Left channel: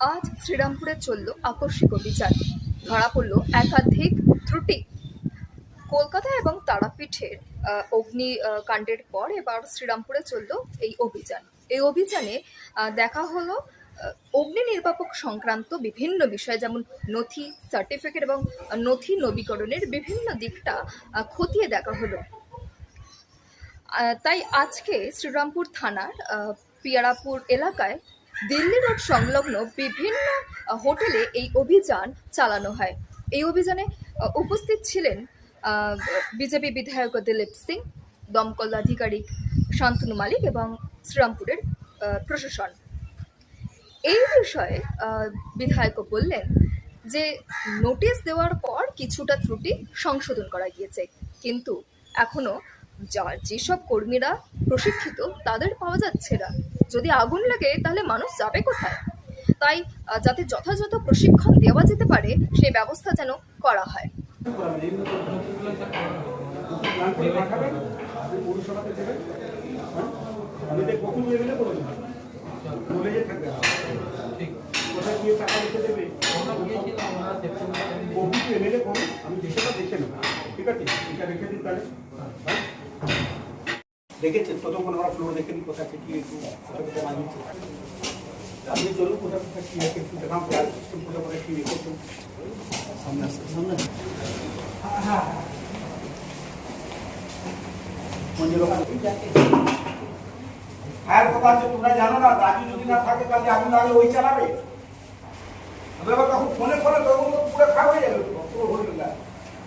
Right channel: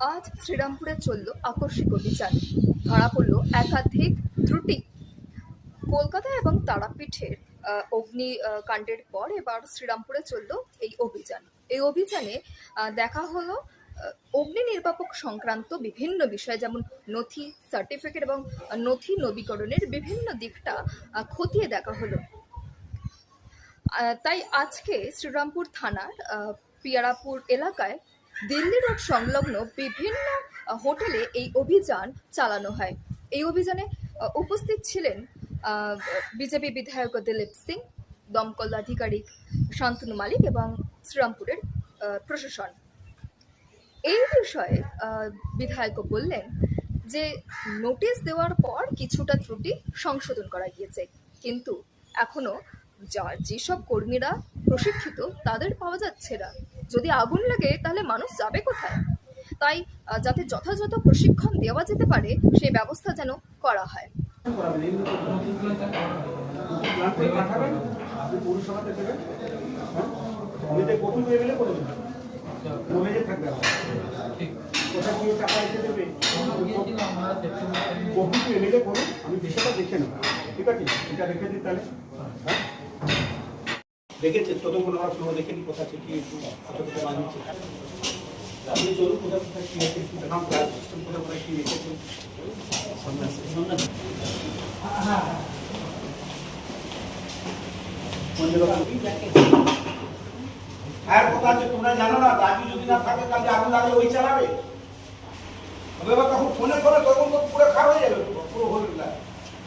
আজ শ্রীরামপুরে চলল আকস্মিক অভিযান। ধরা পড়ল একাধিক ত্রুটি। কলকাতা এবং তারাপীঠের অগ্নিকাণ্ডের পর এবার শ্রীরামপুরে চলল এই অভিযান। এই অভিযানে দেখা হলো অগ্নি নির্বাপক সংক্রান্ত বিভিন্ন বিষয়, যেমন নথি, সার্টিফিকেট এবং নথি নবীকরণের বিভিন্ন দিকটা খতিয়ে দেখা হলো। তাই আজকে শ্রীরামপুর থানার পিয়ারাপুর এলাকায় দিল্লি রোড সংলগ্ন বিভিন্ন হোটেলে এই অভিযান চালানো হয়। এই অভিযানে উপস্থিত ছিলেন বিজেপি বিধায়ক দিলীপ সিং, দমকল আধিকারিক শান্তনু মালিক এবং শ্রীরামপুরের প্রশাসন। এই বিষয়ে বিধায়ক বললেন যে নোটিশ দেওয়ার পর কিছুটা ত্রুটি সংশোধন করা গিয়েছে, কিন্তু এখনো যেসব কর্মীরা প্রশিক্ষিত তাদের পাওয়া যাচ্ছে না। যদি আগুন লাগে তাহলে মানুষ যাবে কোথায়? তাই যাতে যথাযথ প্রশিক্ষণ দেওয়া যেতে পারে সেই ব্যবস্থা যেন করা হয়। কোথায় গিয়ে টাকা রেখে দেবে বহু এমএলএ করুন, আমি বিষয়টা দেখে নেব। ঠিক আছে, এটা রেখে দিন তাহলে। দেখেছে ততক্ষণ আমরা ফ্লোর দেখে নিই কোথা থেকে একটু বানিয়েছে। আপনি চলুন কোথা কোথায় কী রেখে একটু দেখাম, সিস্টেম কোথা করে কী রেখেছেন সামনে আসছে। ফায়ার কথা আছে, তোমরা জানো না, রাজু যদি না থাকে তাহলে আগুন লাগলে ওই চালাবে। এবার তখন ফোনে ফোনে তখন তো পুরো খারাপ হয়ে যাবে, পুরো হয়ে গেল।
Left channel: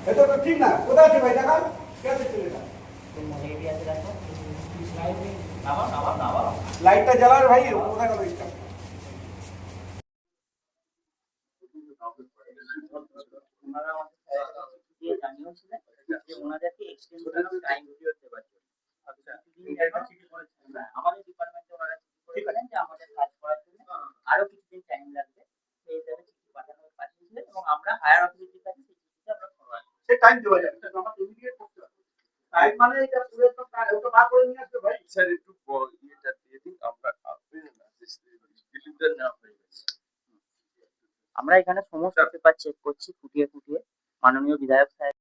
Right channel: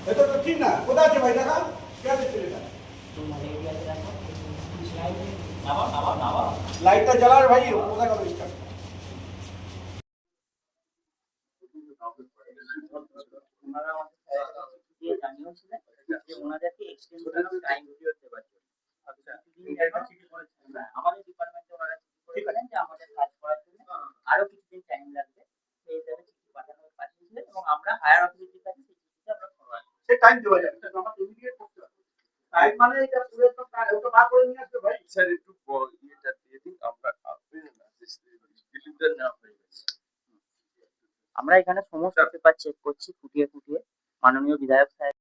এটা তো ঠিক না। কোথায় আছে ভাই, দেখাও কে আছে ছেলেটা। লাইটটা জ্বালার ভাই, কোথায় গেল স্টাফ? ওনাদেরকে এক্সটেনশন টাইম দিতে পারছে। আমাদের ডিপার্টমেন্টে ওনারা ঠিক করেন যে আমাদের কাজ করার জন্য আরো কিছুদিন টাইম লাগবে, সেই হিসাবে চিঠি পাঠিয়েছিলেন এবং আমরা হায়ার অথরিটির কাছে সেই চিঠিটা আমরা ফরওয়ার্ড করি। সে টাইম দেওয়া যাবে, এটা আমরা ইমিডিয়েট করতে হবে। টাইম মানে এটা পুরো তো ওটা বার করে নিয়ে আসবে ভাই। স্যার একটু এটা দিয়ে দিন, আমরা ডিলিভার না হয়ে গেছে। আমরা এখানে সমস্ত পেপার চেক করছি ফুটিয়ে ফুটিয়ে। মাননীয় বিধায়ক সাহেব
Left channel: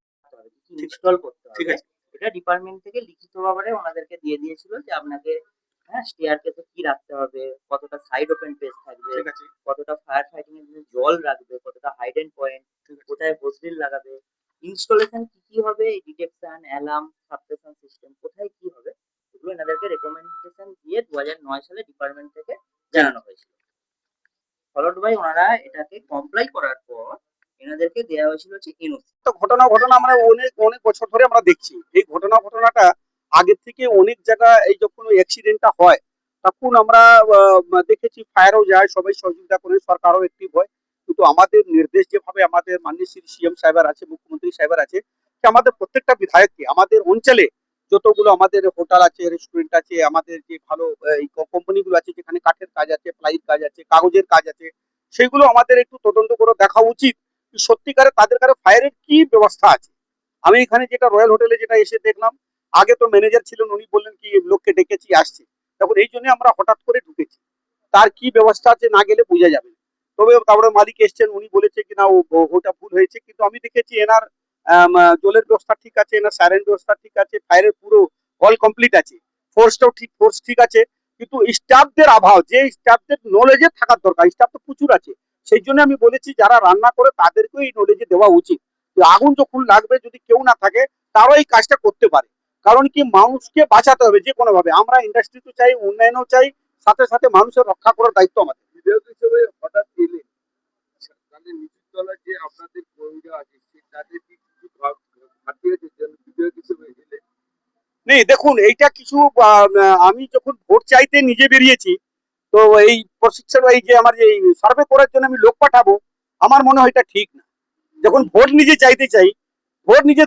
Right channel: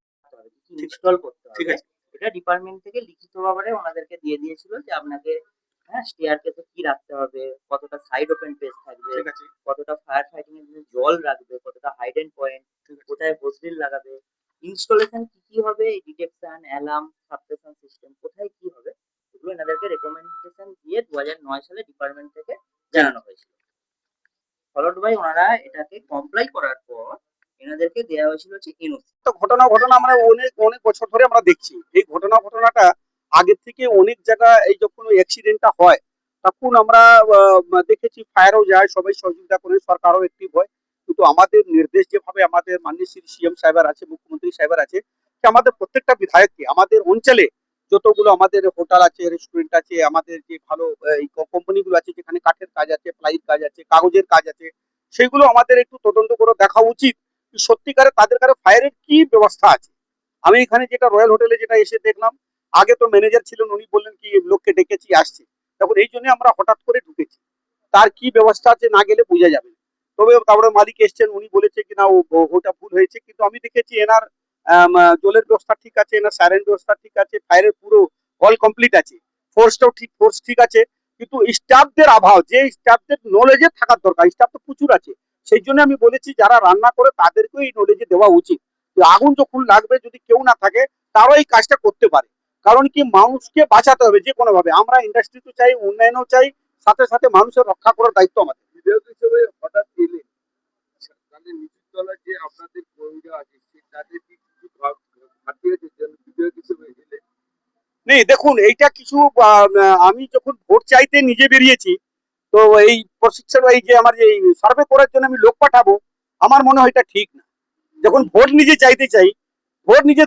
ইনস্টল করতে হবে, ঠিক আছে। এটা ডিপার্টমেন্ট থেকে লিখিত ভাবে ওনাদেরকে দিয়ে দিয়েছিল যে আপনাকে স্টেয়ার কেসে কি রাখতে হবে, কতটা সাইড ওপেন পেজ থাকবে, ঠিক আছে, কতটা ফায়ার ফাইটিং এর জন্য জল রাখবে, কতটা হাইডেন পয়েন্ট, কোথায় হোসডিল লাগাবে, ইনস্টলেশন কি কি হবে, ডিটেকশন, অ্যালার্ম, সাবস্টেশন সিস্টেম কোথায় কি হবে, এগুলো এনাদেরকে রেকমেন্ডেশন দিয়ে 2009 সালে ডিপার্টমেন্ট থেকে জানানো হয়েছিল। ফলোড বাই ওনারা এটাকে কমপ্লাই করার পর এনাদেরকে দেওয়া হয়েছিল হচ্ছে এনওসি। তো ঘটনা আমরা অনেক অনেক বছর ধরে আমরা দেখছি এই ঘটনাটা আগে থেকে অনেক জায়গা। এই যখন অ্যাক্সিডেন্টটা হয় তখন আমরা দেখেছি ফায়ারও যায়, সবাই সহযোগিতা করে, সরকারও অ্যাক্টিভ হয়। কিন্তু আমাদের নির্দেশ যেভাবে আমাদের মাননীয় শ্রী সিএম সাহেবের আছে, মুখ্যমন্ত্রী সাহেবের আছে, যে আমাদের প্রত্যেকটা বিধায়ককে আমাদের অঞ্চলে যতগুলো আমাদের হোটেল আছে, রেস্টুরেন্ট আছে, আমাদের যে ভালো এই কোম্পানিগুলো আছে যেখানে কাঠের কাজ আছে, প্লাইয়ের কাজ আছে, কাগজের কাজ আছে, সেগুলো আমাদের একটু তদন্ত করে দেখা উচিত সত্যিকারে তাদের কাছে ফায়ারের কি ব্যবস্থা আছে। আমি এখানে যেটা রয়্যাল হোটেলে যেটা এসে দেখলাম, আগে তো ম্যানেজার ছিলেন, উনি বললেন কি লোককে ডেকেছি আসছে, তখন এই জন্য আমরা হঠাৎ করে ঢুকেছি। তার কি ব্যবস্থা আছে না গেলে বোঝা যাবে। তবে তারপরে মালিক এসছেন, উনি বলেছে কি না ওটা ভুল হয়েছে, কিন্তু আমি দেখেছি এনার জলের ব্যবস্থা ঠিক আছে, এনার সাইরেন ব্যবস্থা ঠিক আছে, ফায়ারের পুরো অল কমপ্লিট আছে, ফোর্সটাও ঠিক, ফোর্স ঠিক আছে। কিন্তু স্টাফদের অভাব, যে স্টাফদের নলেজে থাকার দরকার, স্টাফ তো প্রচুর আছে। সেই জন্য আমি বলেছি যারা রান্না করে তাদেরকেও এই নলেজে দেওয়া উচিত। আগুন যখন লাগবে যদি কেউ না থাকে তারাও এই কাজটা করতে পারে। কারণ কি মানুষকে বাঁচাতে হবে যে কোনো ভাবে। আমরা ইন্ডাস্ট্রি তো চাই, উন্নয়নও চাই, সাথে সাথে মানুষের রক্ষা করার দায়িত্ব আমাদের। বিধায়ক হিসেবে হঠাৎ এলেন, তাহলে নিচুর তলায় যে আপনাদের কর্মীরা আছে তাদের কি কিছু ঘাটতি আছে বিধায়ক হিসেবে এলেন? নেই, দেখুন এইটা কিছু আমি যখন ভোট চাইতে নিজে বেরিয়েছি, তো এই প্রশিক্ষণ এই যে আমার এই সার্ভে করার জন্য আমি লোক পাঠাবো, আমার মনে হয় এটা ঠিক না। যখন ভোট নিজে চাইতে চাই, ভোট নিজে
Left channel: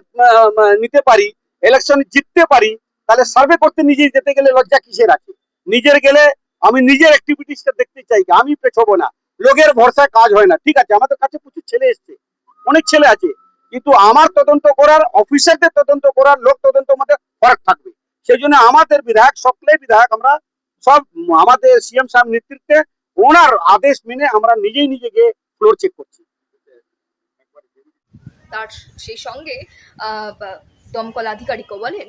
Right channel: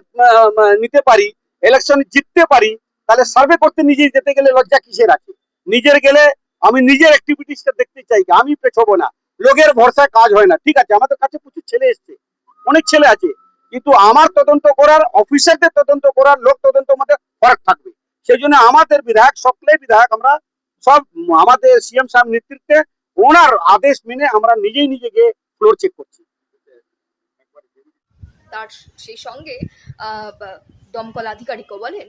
নিতে পারি, ইলেকশন জিততে পারি, তাহলে সার্ভে করতে নিজে যেতে গেলে লজ্জা কিসের আছে? নিজের গেলে আমি নিজের অ্যাক্টিভিটিসটা দেখতে চাই, আমি পেছবো না। লোকের ভরসায় কাজ হয় না। ঠিক আছে, আমাদের কাছে প্রচুর ছেলে এসছে, অনেক ছেলে আছে, কিন্তু আমার তদন্ত করার, অফিসারদের তদন্ত করার, লোক তদন্ত মধ্যে ফরক থাকবে। সেই জন্য আমাদের বিধায়ক, সকলেই বিধায়ক আমরা সব আমাদের সিএম সাহেব নেতৃত্বে ওনার আদেশ মেনে আমরা নিজেই নিজেকে ফ্লোর চেক করছি। তার সেই সঙ্গে দমকল আধিকারিকও বলেন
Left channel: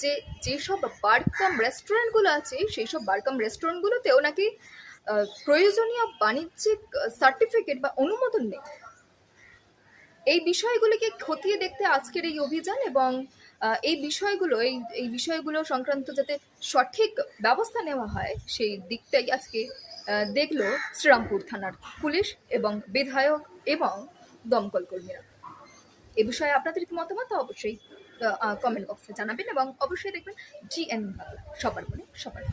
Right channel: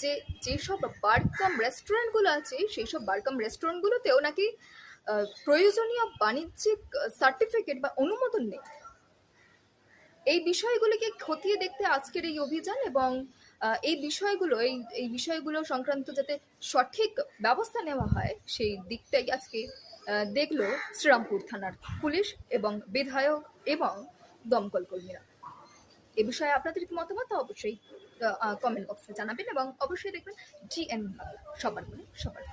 যে যেসব বার কাম রেস্টুরেন্টগুলো আছে সেই সব বার কাম রেস্টুরেন্টগুলোতেও নাকি প্রয়োজনীয় বাণিজ্যিক সার্টিফিকেট বা অনুমোদন নেই। এই বিষয়গুলিকে খতিয়ে দেখতে আজকের এই অভিযান এবং এই বিষয়গুলো সংক্রান্ত যাতে সঠিক ব্যবস্থা নেওয়া হয় সেই দিকটাই আজকে দেখলো শ্রীরামপুর থানার পুলিশ এবং বিধায়ক এবং দমকল কর্মীরা। এ বিষয়ে আপনাদের কি মতামত তা অবশ্যই কমেন্ট বক্সে জানাবেন এবং অবশ্যই দেখবেন GN বাংলা, সবার মনে সবার।